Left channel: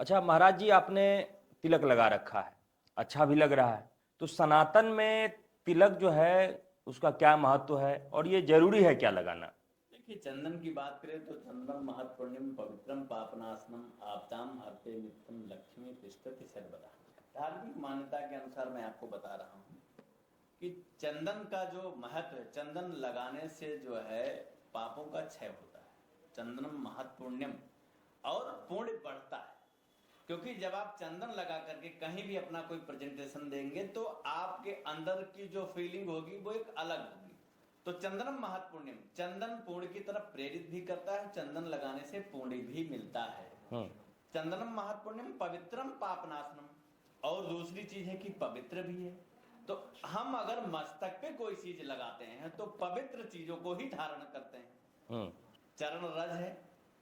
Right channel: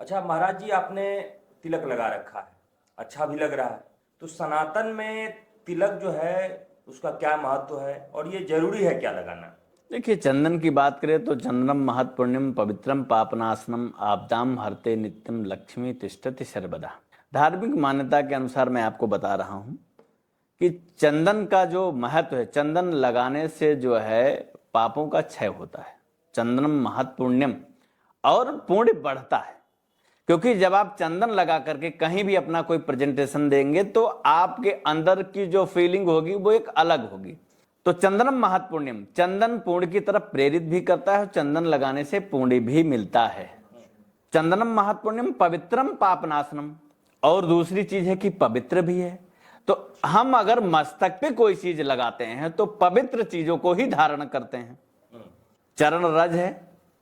अच्छा महाराज जी, आपने तिलक लगा रखा है, अच्छा भी लग रहा है। तो सनातन में तिलक जो है उसका क्या महत्व है और ये जरूरी है क्या लगाना? देखिए, चंदन की बात करें तो चंदनम महत् पुण्यम पवित्रम पापनाशनम आपदाम हरते नित्यम लक्ष्मी तिष्ठति सर्वदा। धार्मिक मान्यता के अनुसार मैं आपको बता रहा हूं कि चंदन का जो महत्व है, चंदन लगाने से जो है पापों का क्षय होता है। चंदनम महत् पुण्यम, और पुण्य बढ़ता है। क्योंकि जब आप चंदन लगा करके कहीं भी अपना कोई प्रेजेंटेशन देंगे तो आपके अंदर की जो फीलिंग होगी वो एक अलग होगी। तो चंदनम महत्पुण्यम, चंदन पुण्य की तरफ प्रेरित भी करता है और चंदन लगाने से पुण्य भी मिलता है। चंदनम महत्पुण्यम पवित्रम पापनाशनम, और दूसरी चीज है कि पवित्र भी है। तो हम अगर मस्तक पे कोई चीज लगाते हैं तो पवित्र चीजों को ही धारण करते हैं। चरण रज है,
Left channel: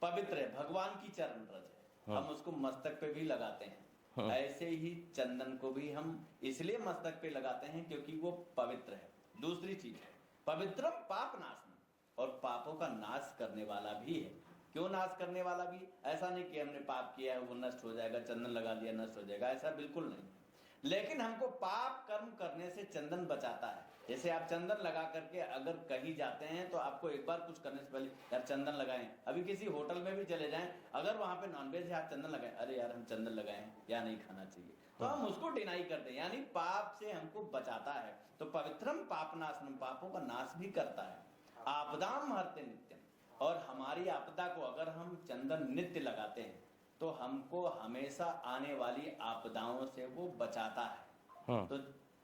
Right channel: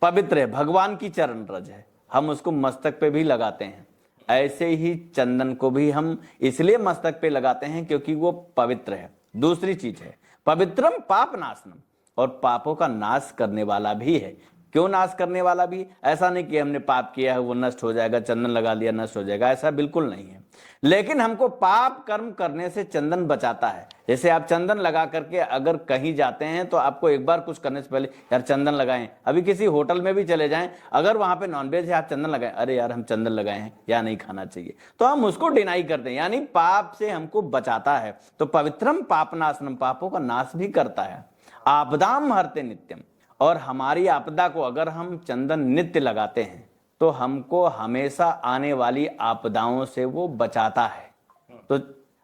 पवित्र है, भगवान की चरण रज है, हम उसको मस्तक पे भी लगाते हैं। ऐसे ही चंदन को भी हम इसलिए मस्तक पे लगाते हैं क्योंकि वो पवित्र है। दूसरी चीज है पवित्रम पाप नाशनम, और पापों का नाश करने वाला भी है। क्यों नाश करने वाला भी? ऐसा नहीं कि हमने पाप किया है वो नष्ट हो जाएगा, चंदन लगा लिया नष्ट हो जाएगा, ऐसा बिल्कुल नहीं है। लेकिन हमको पाप कर्म करने से चंदन बचाता है। जैसे आप चंदन लगा करके अगर कहीं जाते हैं तो आपको एक बार कुछ करने से पहले यार चंदन लगाएं। अभी किसी होटल में भी चले जाएं, अगर वहां पे नॉनवेज है आप चंदन लगाएं, अरे यार हम चंदन लगाए हैं या नहीं खाना चाहिए, तो हम उसको डिनाई करते हैं, यानी पाप से हमको बचाता है। तो पवित्रम पापनाशनम, पापों का नाश भी करता है। आपदाम हरते नित्यम, और हमारी आपदा को अगर हम चंदन नित्य लगाते हैं तो हमको हमेशा आने वाली आपदाओं से वो बचाता है। तो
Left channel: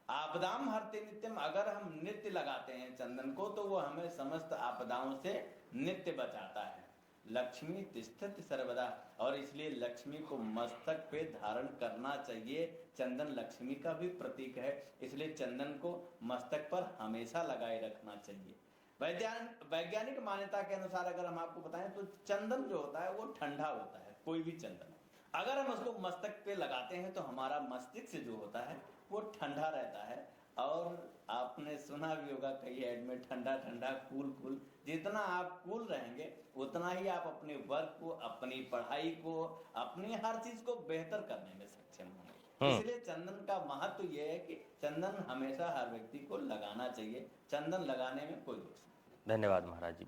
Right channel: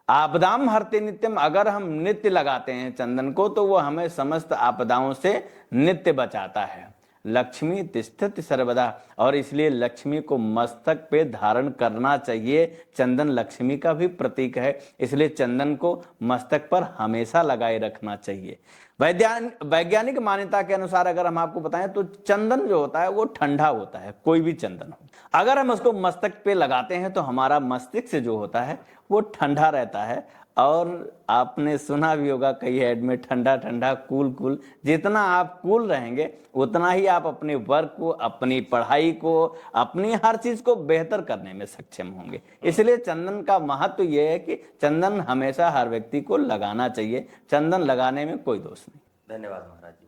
आपदाम हरते नित्यम, अगर हम नित्य लगाते हैं चंदन को तो वो हमें समस्त आपदाओं से नित्य बचाता है। लक्ष्मी तिष्ठति सर्वदा, और इसलिए लक्ष्मी को मस्तक पे धारण करना चाहिए। चंदन लक्ष्मी का भी प्रतीक है, इसलिए चंदन को मस्तक पर हमेशा लगाए रखना चाहिए। वैज्ञानिक मान्यता के अनुसार अगर हम आपको बताएं तो चंदन जो होता है वो ठंडा होता है, कोई भी चंदन हो। अगर हम उसको मस्तक पे लगाते हैं तो हमारा मस्तिष्क जो होता है वो ठंडा रहता है। और आपने सुना भी होगा कई ऐड में, ठंडा ठंडा कूल कूल। जितना आप कूल रहेंगे उतना ही आप अपने वर्क को, अपनी पढ़ाई को, अपनी हर चीज को बेहतर करने में सक्षम होंगे। इसलिए चंदन का महत्व यह है कि चंदन हमेशा हर व्यक्ति को लगाना चाहिए। चंदन लगाने में कोई दोष नहीं। धन्यवाद महाराज जी।